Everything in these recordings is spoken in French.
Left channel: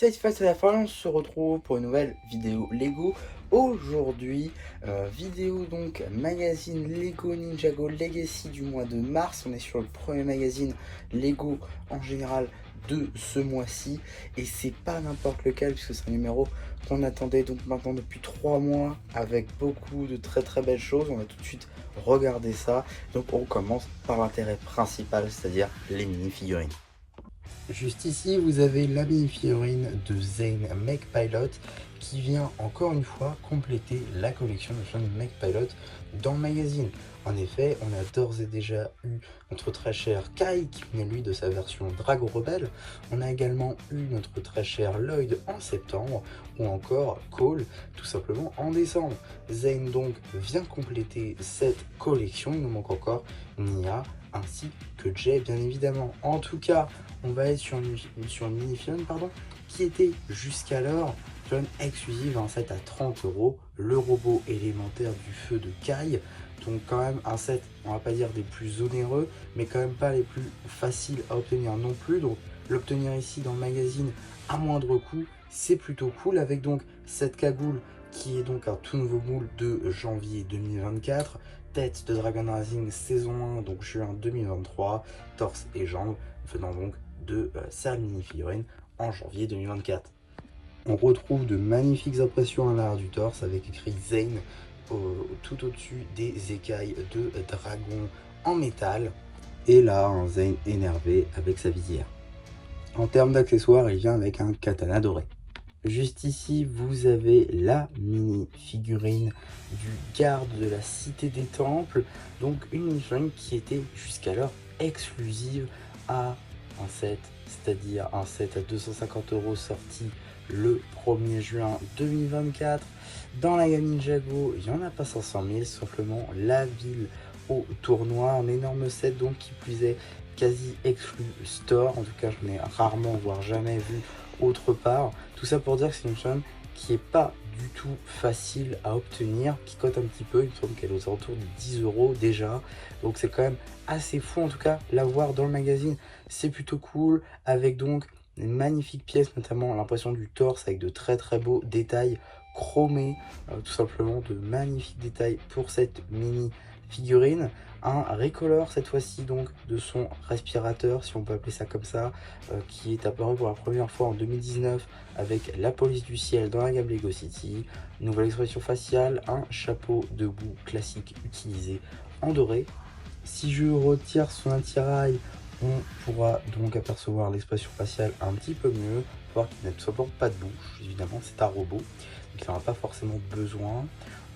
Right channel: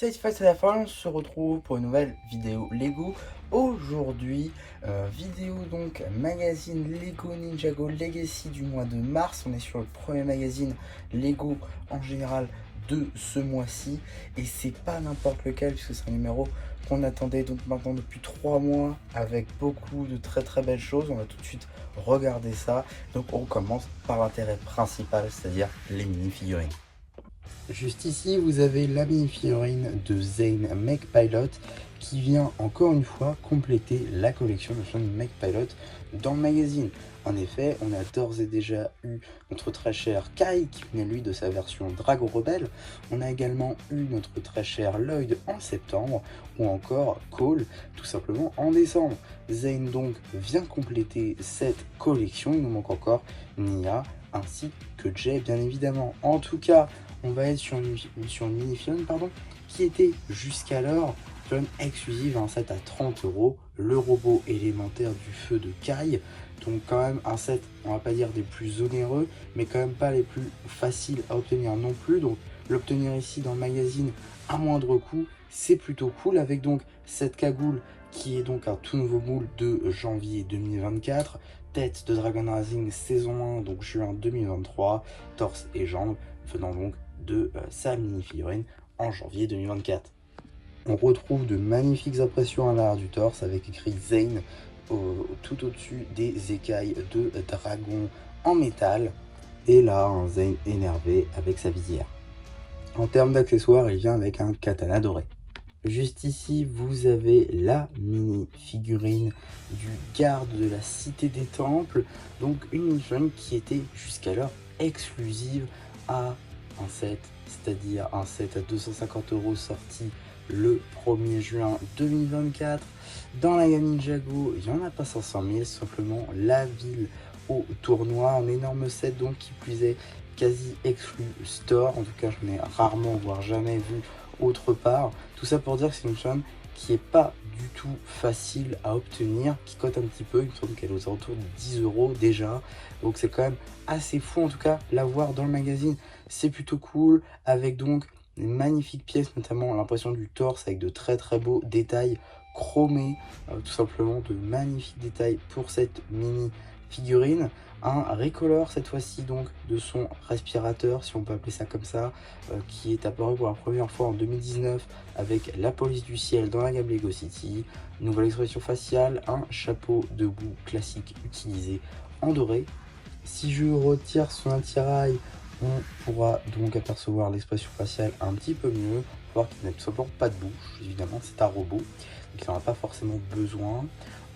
Cette fois c'est la fin, on se retrouve pour une nouvelle vidéo Lego. Aujourd'hui, vidéo donc magazine Lego Ninjago Legacy du mois de mars. On est sur le premier magazine Lego en général de ce mois-ci. Et c'est pas n'importe lequel puisque c'est un numéro qu'on attendait donc maintenant depuis 3 mois avec beaucoup de très belles choses. On va tout de suite regarder ça. Donc on commence par l'intérêt principal, c'est-à-dire les mini-figurines. Juste ici, vous avez la mini-figurine de Zane McPilot qui vient encore une fois compléter la collection de son McPilot dans le magazine. En effet, on a d'ores et déjà eu notre très cher Kai qui venait lui de sa version Dragon Rebelle. On a également eu notre très cher Lloyd en septembre ou encore Cole tout simplement en décembre. Zane donc vient compléter cette collection. Il nous manque encore Nia ainsi que Jay bien évidemment. En tout cas, on va être sur une mini-figurine qui était jusqu'alors exclusive en fait à 30 €, le robot élémentaire du feu de Kai. Donc quand même un set, on va pas dire des plus onéreux, mais quand même pas les plus faciles à obtenir non plus. Donc l'obtenir ici dans le magazine à moindre coût, c'est plutôt cool, avec donc cette cagoule qui est donc un tout nouveau moule de janvier 2024, tête de Dragon Rising saison 1, donc juin 2023, torse et jambes venant donc de sa mini-figurine en janvier 2024. On retrouve de magnifiques impressions à l'arrière du torse avec écrit Zane tout au-dessus des écailles de dragon en métal. Et là, un Zane énervé avec sa visière. En termes d'accessoires, il vient avec un katana doré. Juste ici, vous avez la mini-figurine du garde de la Cité des Temples. Donc une mini-figurine qui était jusqu'alors exclusive à un set, c'est-à-dire un set à 250 € sorti le 1er juin 2024. Dans la gamme Ninjago, il n'y en a pas 500 000, simplement la ville au tournoi, un énorme set donc qui plus est quasi exclu store. En tout cas, je n'ai rarement, voire jamais vu autre part. Tout ça pour dire que c'est une chaîne qui est pas du tout facile à obtenir, qui cote un petit peu, il me semble qu'elle est aux alentours de 10 € déjà, donc c'est quand même assez fou. En tout cas, l'avoir dans le magazine, c'est plutôt cool, avec donc une magnifique pièce, notamment l'impression du torse avec de très beaux détails chromés, tout simplement de magnifiques détails pour cette mini figurine. Un recolor cette fois-ci donc de son respirateur, si on peut appeler ça comme ça, qui est apparu pour la première fois en 2019 avec la police du ciel dans la gamme Lego City. Nouvelle expression faciale, un chapeau de boue classique utilisé en doré. Si je retire son attirail, on pourra donc apercevoir l'expression faciale un petit peu mieux, voir qu'il n'a tout simplement pas de bouche. Évidemment, c'est un robot, donc il n'en a pas forcément besoin.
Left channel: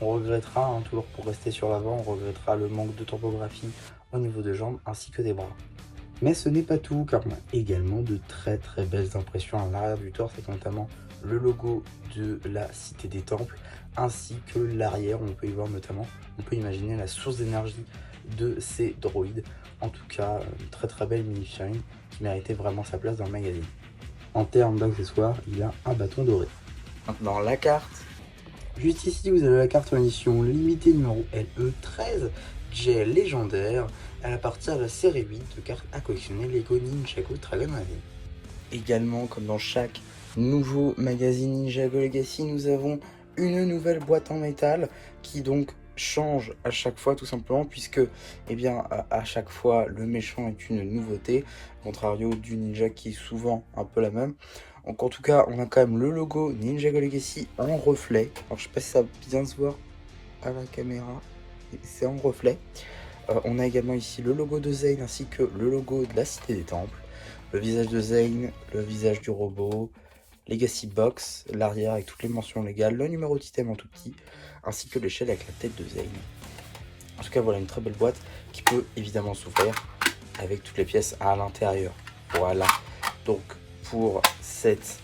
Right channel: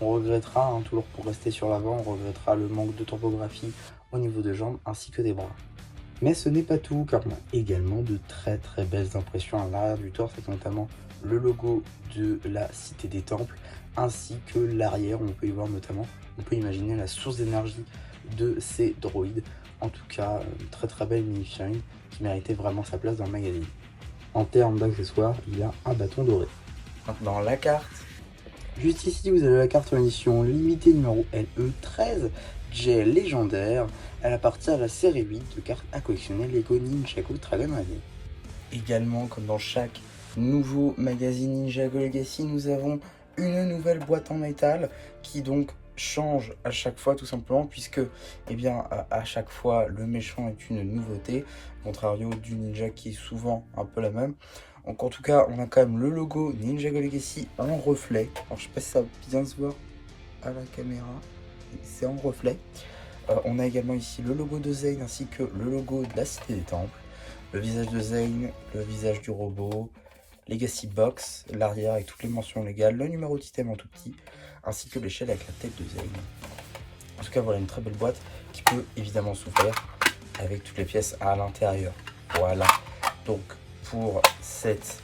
On regrettera, toujours pour rester sur l'avant, on regrettera le manque de topographie au niveau des jambes ainsi que des bras. Mais ce n'est pas tout, car on a également de très belles impressions à l'arrière du torse, avec notamment le logo de la Cité des Temples, ainsi que l'arrière, on peut y voir notamment, on peut imaginer la source d'énergie de ces droïdes. En tout cas, une très belle mini-figurine qui méritait vraiment sa place dans le magazine. En termes d'accessoires, il y a un bâton doré. Maintenant la carte. Juste ici, vous avez la carte en édition limitée numéro LE13, J légendaire. Elle appartient à la série 8 de cartes à collectionner Lego Ninjago Dragon Rising. Également, comme dans chaque nouveau magazine Ninjago Legacy, nous avons une nouvelle boîte en métal qui donc change à chaque fois, tout simplement, puisque à chaque fois le méchant est une nouveauté, contrario du ninja qui est souvent un peu la même. Donc en tout cas, on a quand même le logo Ninjago Legacy en reflet. Alors, je sais pas si ça va bien se voir à la caméra, c'est en reflet. On a également ici le logo de Zane ainsi que le logo de la Cité des Temples. Le visage de Zane, le visage du robot, Legacy Box, l'arrière avec toutes les mentions légales, le numéro d'item en tout petit, ainsi que l'échelle avec la tête de Zane. En tout cas, voilà une très belle boîte qui peut évidemment s'ouvrir avec toutes les pièces à l'intérieur. Voilà, donc pour cette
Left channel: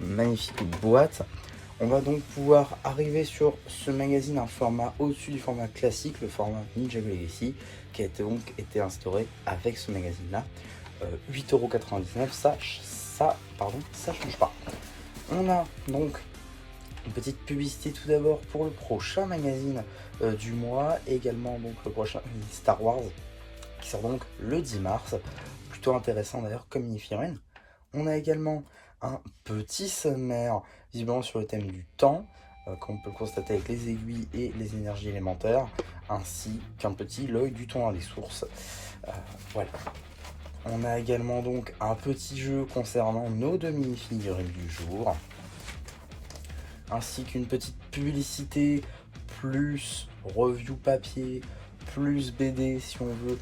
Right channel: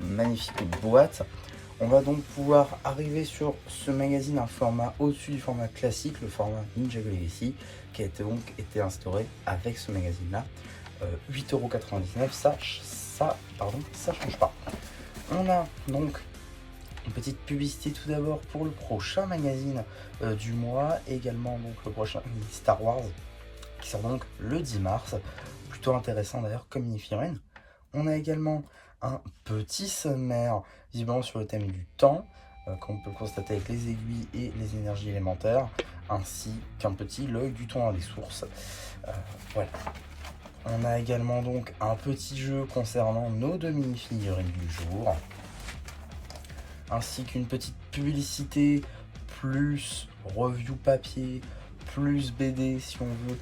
magnifique boîte, on va donc pouvoir arriver sur ce magazine un format au-dessus du format classique, le format Ninjago Legacy, qui a donc été instauré avec ce magazine-là. 8,99 €, ça change pas. On a donc une petite publicité tout d'abord pour le prochain magazine du mois, et également donc le prochain Star Wars qui sort donc le 10 mars. Plutôt intéressant d'ailleurs comme mini-figurine. On a également un petit sommaire, visiblement sur le thème du temps, qu'on peut constater avec les aiguilles et les énergies élémentaires, ainsi qu'un petit l'œil du temps dans les sources. Voilà. On a également donc un petit jeu concernant nos deux mini-figurines du jour, ainsi qu'une petite publicité, plus review papier, plus BD si on veut,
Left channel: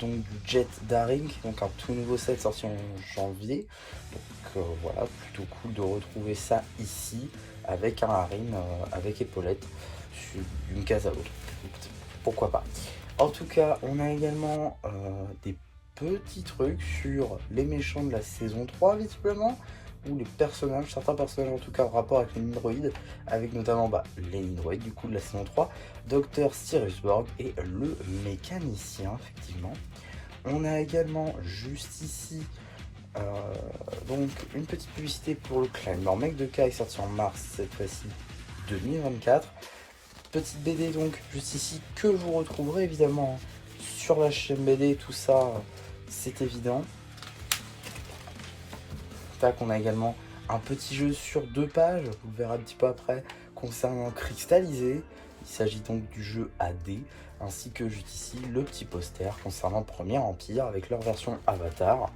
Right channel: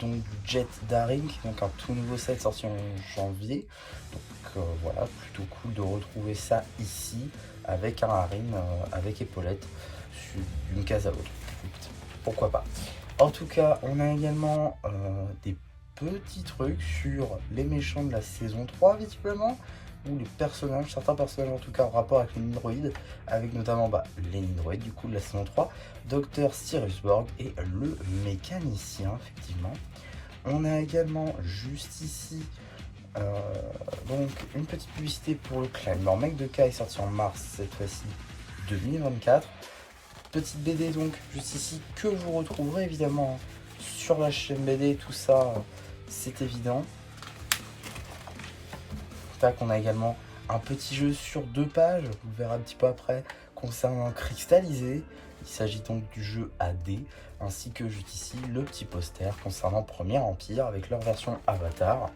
donc du Jet Daring, donc un tout nouveau set sorti en janvier. Donc voilà, plutôt cool de retrouver ça ici avec un harem avec épaulette d'une case à l'autre. Pourquoi pas. En tout cas, on a également des petits trucs sur les méchants de la saison 3 visiblement, ou les personnages, certains personnages en tout cas en rapport avec les Nindroids, avec notamment les Nindroids du coup de la saison 3, Dr Siriusborg et le mécanicien effectivement. On a également juste ici donc une petite publicité pour le claim. Alors Mec de K est sorti en mars cette fois-ci 2024. Petite BD donc juste ici que vous retrouverez évidemment sur la chaîne BD, tout ça c'est évident. Tac, on a également un petit jeu sur 2 pages, vous le verrez un petit peu après, concernant Cristallisé. Il s'agit donc du jeu AD, ainsi que juste ici le petit poster concernant Premier Empire avec leur version Avatar.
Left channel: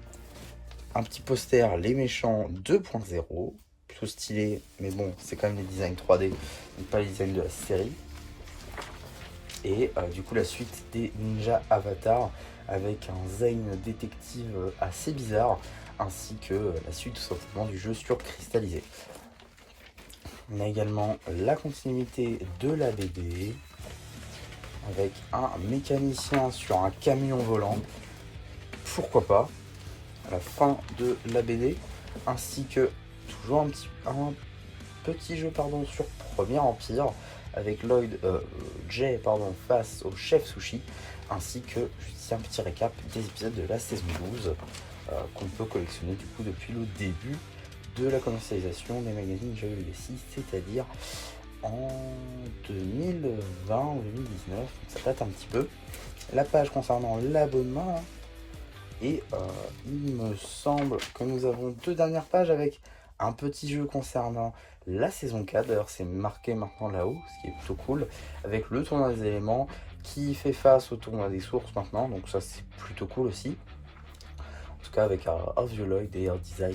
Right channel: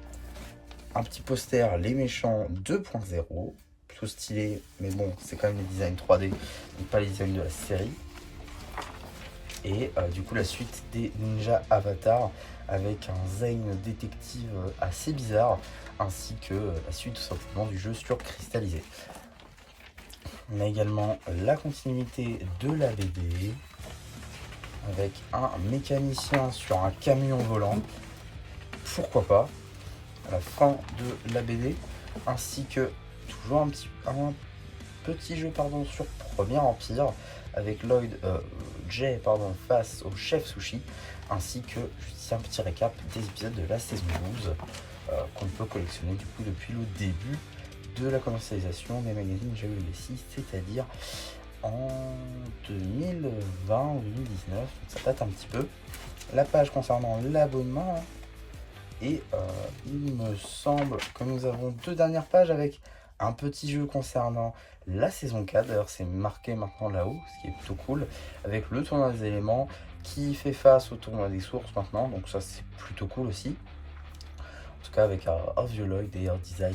Un petit poster Les Méchants 2.0, plutôt stylé, mais bon, c'est quand même les designs 3D, donc pas les designs de la série. Et du coup la suite des Ninja Avatar avec un Zane détective assez bizarre, ainsi que la suite tout simplement du jeu sur Cristallisé. On a également la continuité de la BD avec un mécanicien sur un camion volant, pourquoi pas, à la fin de la BD, ainsi que toujours un petit jeu sur Premier Empire avec Lloyd Jay face au chef Sushi, ainsi que un petit récap des épisodes de la saison 12 qu'on peut collectionner du coup depuis le début de la commercialisation des magazines Ninja Legacy, c'est-à-dire en 2020 ou 2019, ça date un petit peu. La page concernant l'abonnement, et il me semble que nous avons 2 dernières pages avec un petit jeu concernant la saison 4, d'ailleurs c'est marqué maintenant là-haut, ce qui est plutôt cool, avec le tournoi des éléments qui fait face au tournoi des sources maintenant, donc ça c'est plutôt cool aussi. En tout cas avec un vieux Lloyd et un design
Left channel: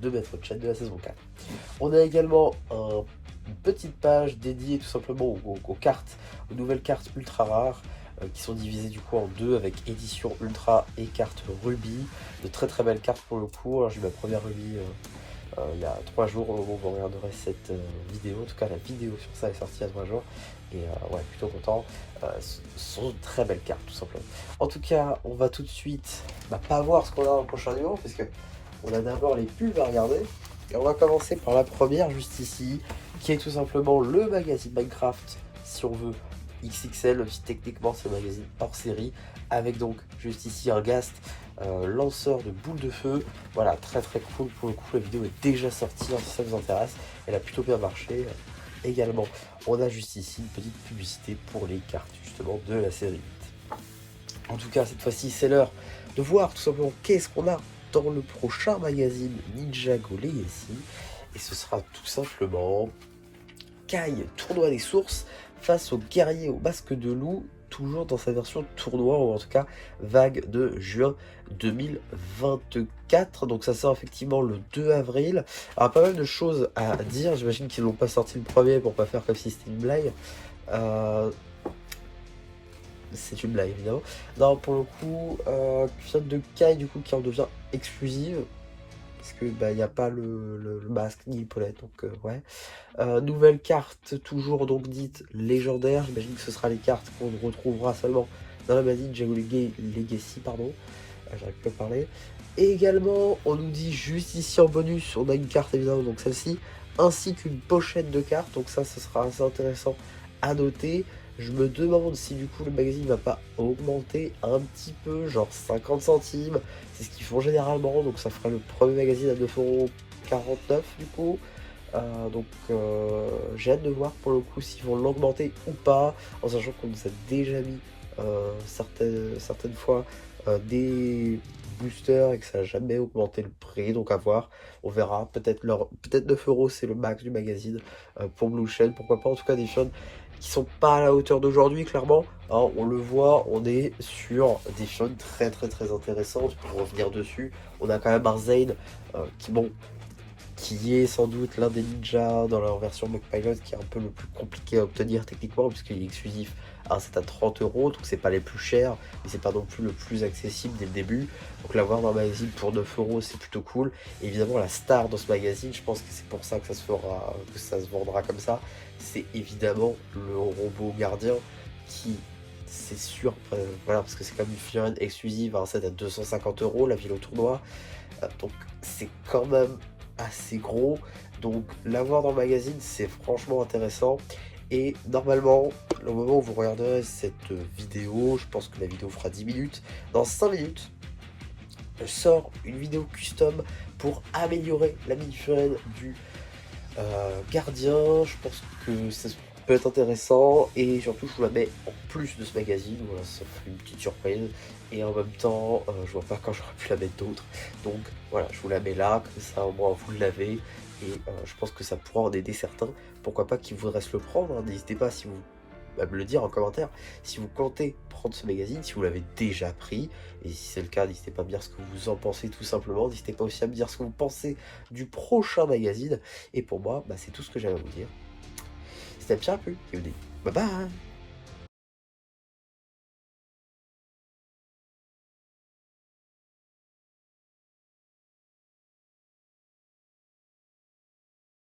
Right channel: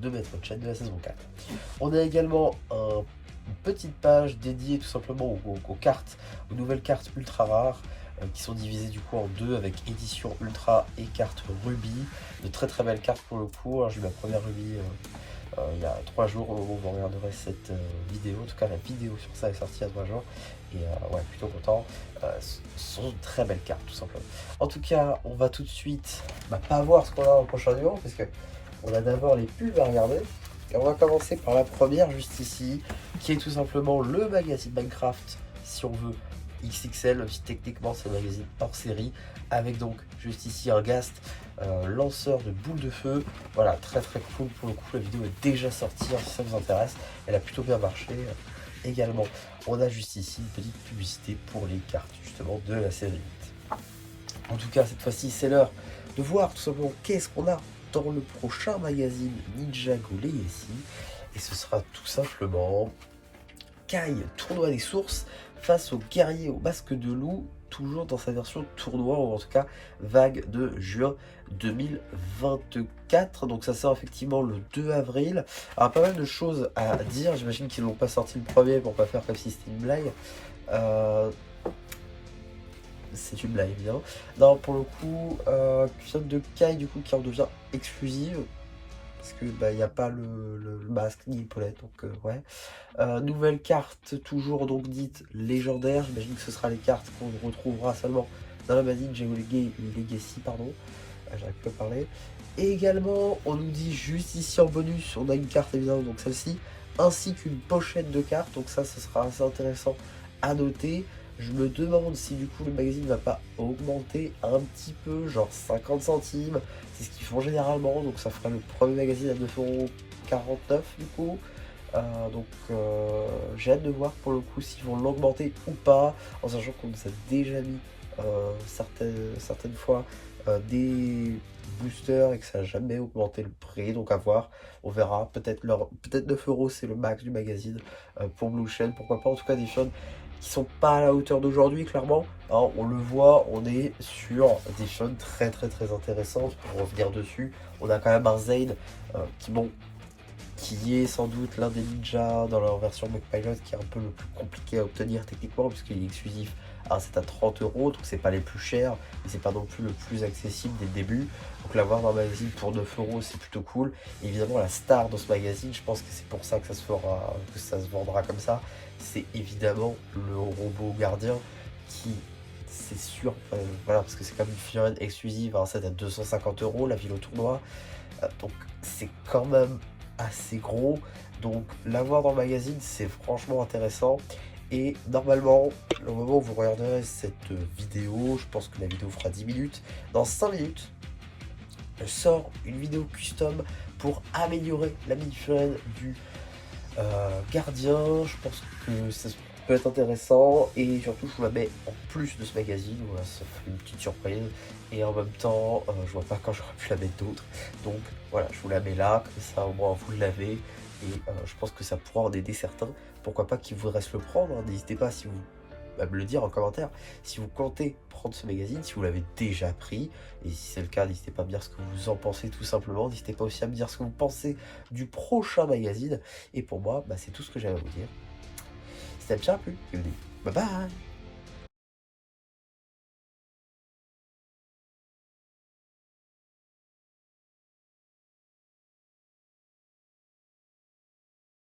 de Maître Chat de la saison 4. On a également une petite page dédiée tout simplement aux cartes, aux nouvelles cartes ultra rares, qui sont divisées du coup en 2 avec édition ultra et carte Ruby. De très très belles cartes pour le coup. Alors j'ai eu ma première Ruby il y a 3 jours, vous regarderez cette vidéo, en tout cas la vidéo sur ça est sortie il y a 3 jours. Et ouais, plutôt content. Ce sont de très belles cartes tout simplement. En tout cas, on va tout de suite pas voir ce qu'on a dans le prochain numéro, parce que on a d'abord les pubs à regarder. Et on va commencer par la première juste ici, qui est tout simplement le magazine Minecraft, si on veut, XXL, techniquement c'est un magazine hors série, avec donc juste ici un Ghast, lanceur de boules de feu. Voilà, très très cool pour le coup, la vidéo est déjà sortie, si ça vous intéresse, elle a plutôt bien marché. Également, on a juste ici une petite publicité pour les cartes justement de la série 8. En tout cas, cette fois-ci, c'est l'heure de voir tout simplement qu'est-ce qu'on a dans le prochain magazine Ninjago Legacy. Et ce sera tout simplement Kai, tournoi des sources, face aux guerriers au masque de loup, toujours dans sa version tournoi, ou en tout cas vague de juin 2024. Donc ça sort effectivement le 2 avril. Alors pas mal de choses à dire, j'imagine qu'ils n'ont pas sorti le premier pour pas faire comme si c'était une blague. C'est une blague évidemment. Non, pour le coup, cuisine de Kai du coup qui en devient exclusive, parce que il n'y a pas le masque ni l'épaulette, donc ouais. Nouvelle carte toujours donc dite légendaire, j'imagine que ce sera les cartes qu'on retrouvera seulement dans la magazine Ninjago Legacy, pardon, j'arrive pas à parler. Et également on nous dit juste ici en bonus, on a une carte évidemment, donc celle-ci, ainsi qu'une pochette de cartes, donc ça ce sera assez intéressant à noter. Je me demande si du coup le magazine va pas augmenter un petit peu, genre 50 centimes, c'est ce qu'ils font généralement, donc ça ferait le premier magazine à 9,49€ du coup. Donc j'ai hâte de voir pour le coup s'ils vont l'augmenter ou pas, en sachant qu'on nous a déjà mis certaines fois des boosters et que ça n'a jamais augmenté le prix, donc à voir, on verra. Peut-être 9 € c'est le max du magazine pour Blue Shed, pourquoi pas. En tout cas des chaînes qui sont pas à la hauteur d'aujourd'hui, clairement, hein, on le voit, on est sur des chaînes très très très intéressantes. Pour revenir dessus, on a quand même un Zane qui est sans doute l'un des ninjas dans leur version MechPilot, qui est un peu le plus compliqué à obtenir techniquement, puisqu'il est exclusif à un set à 30 €, donc c'est pas les plus chers, et c'est pas non plus le plus accessible dès le début. Donc l'avoir dans le magazine pour 9 € c'est plutôt cool. Et évidemment la star dans ce magazine, je pense que c'est pour ça que ça se vendra comme ça, c'est évidemment le robot gardien qui, c'est sûr, voilà, parce que c'est comme une figurine exclusive à un set à 250 €, la ville au tournoi, donc c'est quand même assez gros, donc l'avoir dans le magazine c'est franchement intéressant. Et normalement, le moment où vous regarderez cette vidéo, je pense que la vidéo fera 10 minutes, dans 5 minutes je sors une vidéo custom pour améliorer la mini-figurine du gardien. Je pense que ça peut être intéressant, et surtout je vous la mets en plus de ce magazine, voilà, ça fait une petite surprise. Et en même temps, je vois pas quand j'aurais pu la mettre d'autres, donc voilà, je vous la mets là, comme ça au moins vous l'avez. Et je pense que ça pourra en aider certains, pourquoi pas, qui voudraient se le prendre, hein. N'hésitez pas à me le dire en commentaire si vous comptez prendre ce magazine, si vous l'avez déjà pris, et si c'est le cas, n'hésitez pas à me dire ce que vous en pensez tout simplement. N'hésitez pas aussi à me dire ce que vous pensez du prochain magazine. Et pour moi, c'est tout ce que j'avais à vous dire. C'était bien plus, bye bye.